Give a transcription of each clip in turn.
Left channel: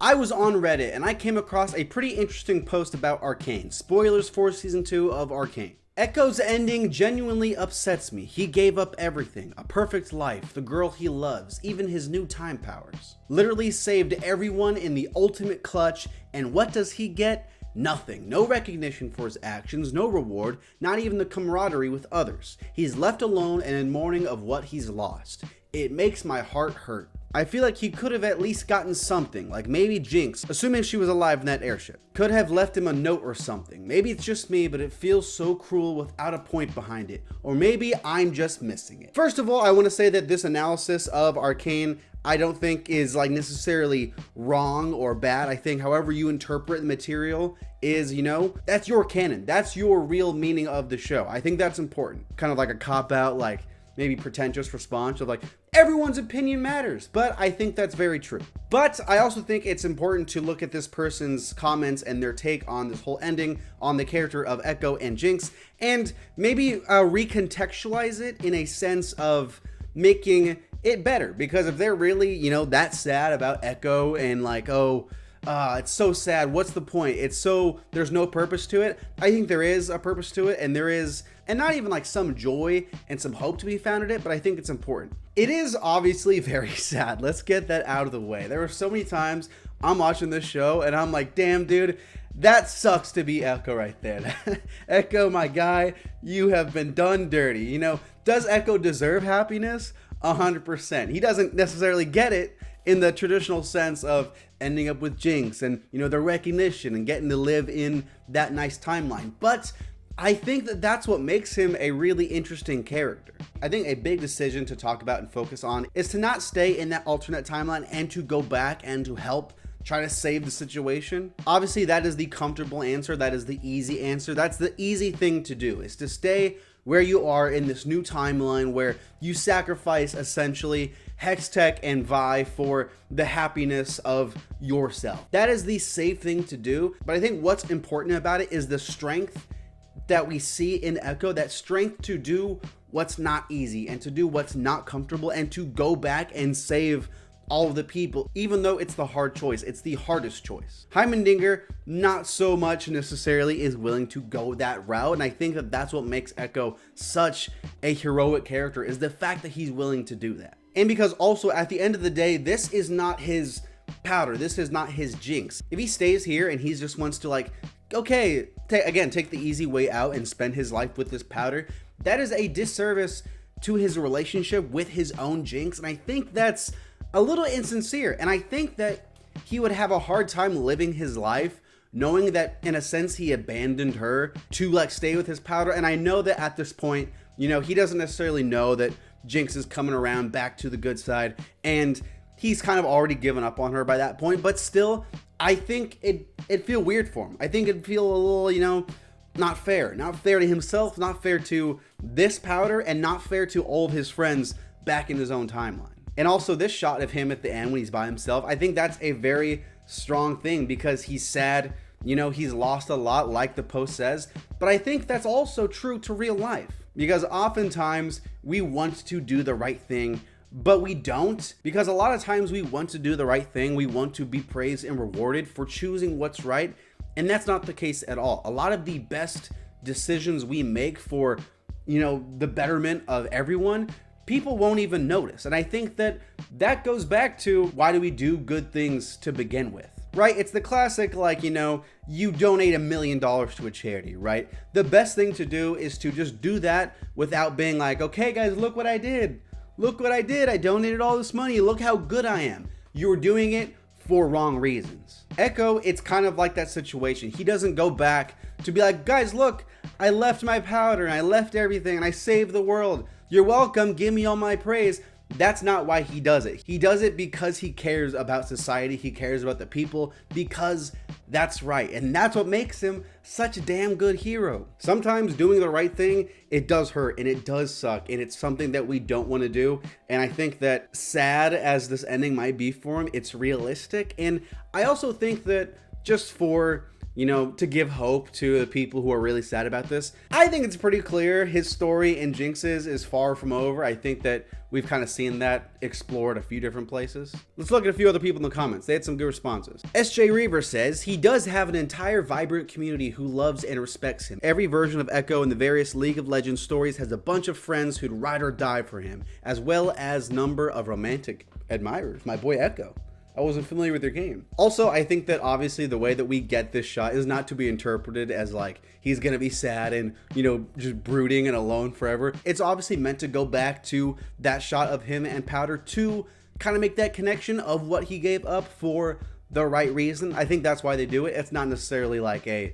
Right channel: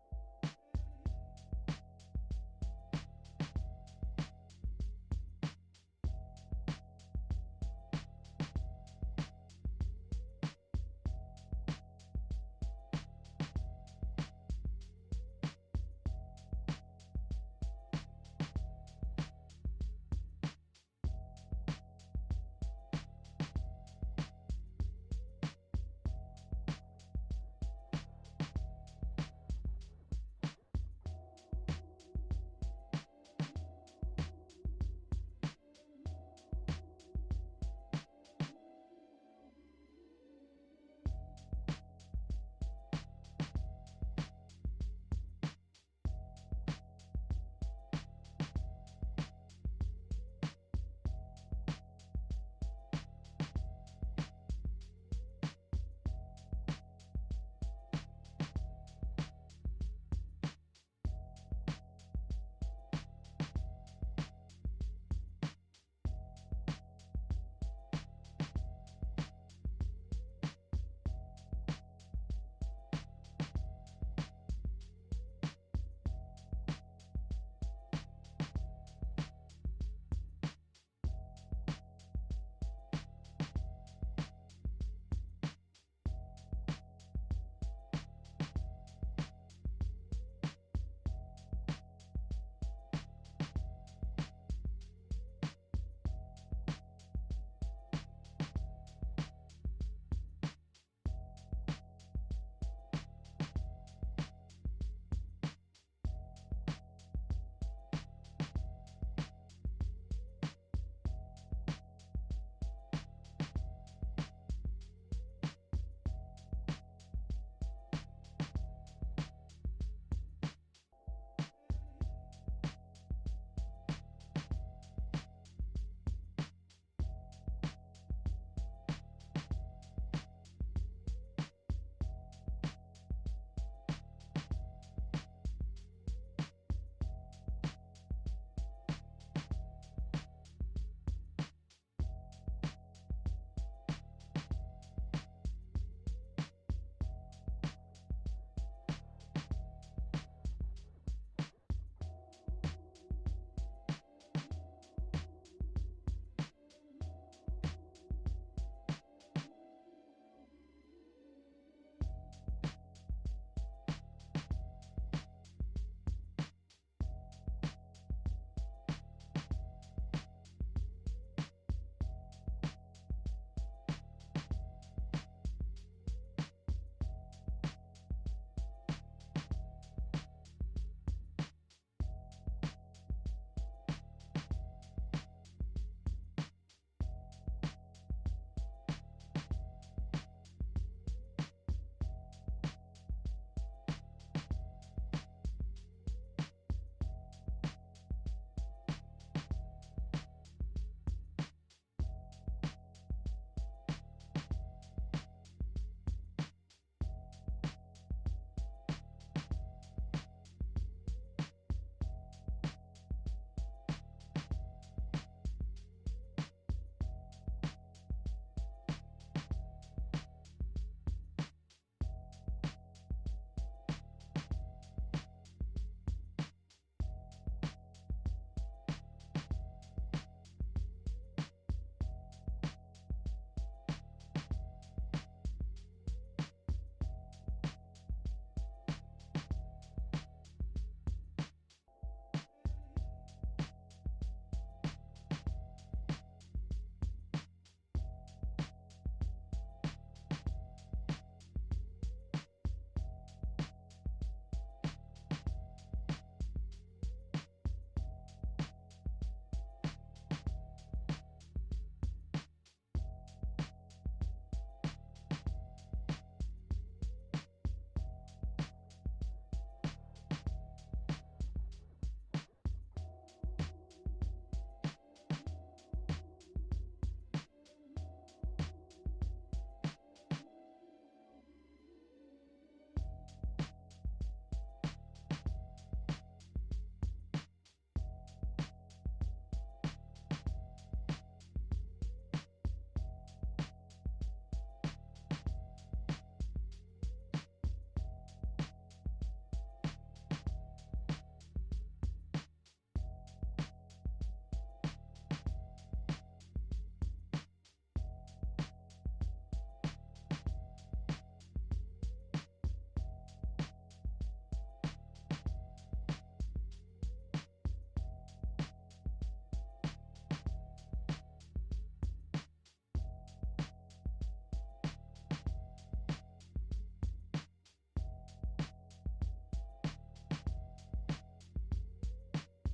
I was on Reddit and I came across a pretty interesting post about Arcane. Spoilers for season 2 of Arcane. Ekko's ending genuinely upsets me. He gave up everything, a perfect life, the girl he loves, even his new time powers. Literally saved everyone in the ultimate clutch, and what does he get? Nothing. No recognition for his actions, no reward, not even the camaraderie with others. He's left alone and in mourning of what he's lost. It makes my heart hurt. I feel like he could have at least gotten something, like maybe Jinx, assuming she was alive in that airship, could have left him a note or something. Maybe it's just me, but it feels so cruel without a point behind it. Or maybe I'm just missing it. First of all, I want to say that this analysis of Arcane, I don't think is like necessarily wrong or bad. I think however you interpret the material is, that's your canon. That's your real meaning of the show. I think that's important. Kind of like a cop-out, like maybe pretentious response of like, everyone's opinion matters, but I think that's very true. But I also think it's important to look at this person's comments and their take on this whole ending, on the character of Ekko and Jinx, and maybe recontextualize it in a sense of making it better. Because if they're really, that sad about Ekko and like, it's so sad, what's the point? There's no purpose to it. I think there is a purpose to it, and there is, and not even like some joy and some hope to be found in it, but I think it's important. It is obviously very sad. Let's get that out of the way. There were so many times I'm watching this show and I'm like, damn dude, that sucks to be Ekko right there. Ekko, my guy, you have been done dirty. Does Ekko deserve happiness? 100%. He doesn't necessarily get it in the traditional sense of ending up with Jinx and, the recognition and getting to live in that nice timeline. But I think that that's what makes him a really interesting character. I think a big decision to talk about and focus on is to not stay in that alternate timeline and to go back and to help try to save the situation. Obviously, that is the comfortable answer. That is the easy answer. That's the easy thing to do, is to stay where you are in this new timeline where you sacrifice essentially Hextech and Vi for the happiness of yourself. That is the safe thing to do. But I think what's important about it is the strength that we see in Ekko, that strength to do what's not easy and to do what's not comfortable and to go back and save all of the people, even though it's the hard choice. It's the hardest choice. Heimendinger, not so much necessarily is willing to go that route, and I think that that's what makes Ekko such a heroic character, is the fact that he's willing to do that. And because also at the end of the day, this is not his powder, this is not his Jinx. If he stays here and he just wants to like, okay, take the easy way out and spend his life with this powder, that is a disservice to his relationship with his own Jinx, and I think that's a little insincere, and I think that he would have a hard time living his life knowing that in a sense he abandoned her to like stay with his powder. And I know that at this point, he doesn't necessarily know that Jinx is coming around back to the good side, and he's kind of already given up on her by that point, but still, I think it'd feel weird for him. I think it'd feel a little, not fair to himself, not fair to this powder, and not fair to all of his friends back in his own timeline. And also this shot of him at the end when he's by himself, I think that's a very strong thing because he's sad, he's lost a lot like the post says, but I think that's also true to real life because oftentimes we want to do the right thing, but we don't, because a lot of times we want to do the right thing. We want to be praised and rewarded for choosing what's right. And that's not the case at all. A lot of the best decisions we make for, the betterment of everyone, people won't even notice. And I think that goes back to why do we do good things to begin with, right? It's the classic, like, you donate $1 million to a charity, right? The best thing to do is to just do that without being like, okay guys, look what I did. Look what I did. I donated all this money. Look how good I am. You're doing it for wrong reasons. Ekko, it's kind of like that situation. He doesn't go back to be like, guys, look, I left my powder and I left everything and I saved the world. You're welcome. Give me all my praise. That's not why he does it. He does it because he cares about society. He cares about the people, because that's right. And that's what makes him such a damn good hero. Sometimes doing the right thing, it does hurt and it does suck. And it's something that we don't want to do. And I think that sad as this ending might be for him, it's realistic. And I also think that just for, you know, to give hope to the people who are really sad about this. I think it's pretty clear his story in Jinx's is far from over. I think that we've kind of seen that explored a few different places. Let's look at a few other people in the comments. They had some good responses. SJ Reaver says, he does have an entire vibrant community who loves and respects him. Every version of Ekko in the various League of Legends stories has a bunch of friends who'd ride or die for him, as well as number of romantic admirers. My boy Ekko. I wasn't familiar with their game. Also, I think that obviously the way that we get this shot is not to be interpreted as like he's gonna be sad and, you know, just brooding and alone forever. It's obviously meant to go back to that shot of him and Powder to kind of make that connection of what he gave up for the right reason. I think that's why they do it. It's not necessarily like a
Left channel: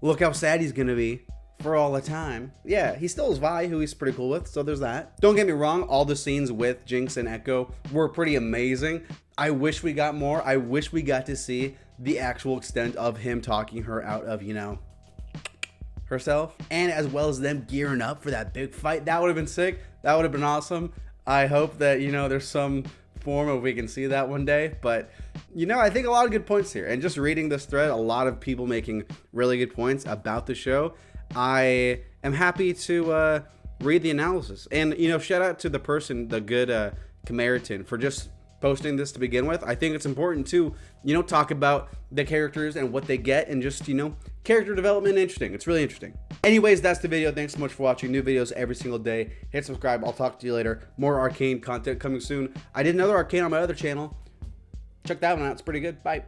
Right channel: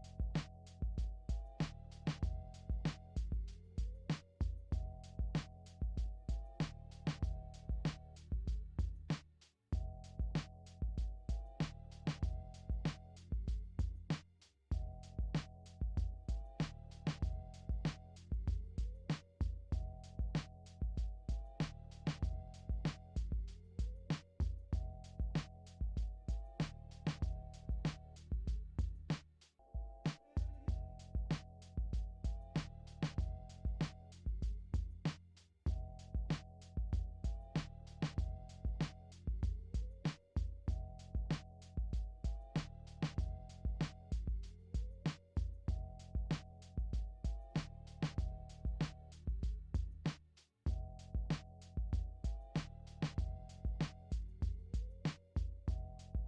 look how sad he's gonna be for all the time. Yeah, he still has Vi, who he's pretty cool with, so there's that. Don't get me wrong, all the scenes with Jinx and Ekko were pretty amazing. I wish we got more. I wish we got to see the actual extent of him talking her out of, you know, herself, and as well as them gearing up for that big fight. That would have been sick. That would have been awesome. I hope that, you know, there's some form of we can see that one day. But, you know, I think a lot of good points here. And just reading this thread, a lot of people making really good points about the show. I am happy to read the analysis. And, you know, shout out to the person, the good Camaritan, for just posting this to begin with. I think it's important to, you know, talk about the characters and what they get and just, you know, character development. Interesting. It's really interesting. Anyways, that's the video. Thanks so much for watching. New videos every single day. Hit subscribe. I'll talk to you later. More Arcane content coming soon. I did another Arcane on my other channel. Check that one out. It's pretty good. Bye.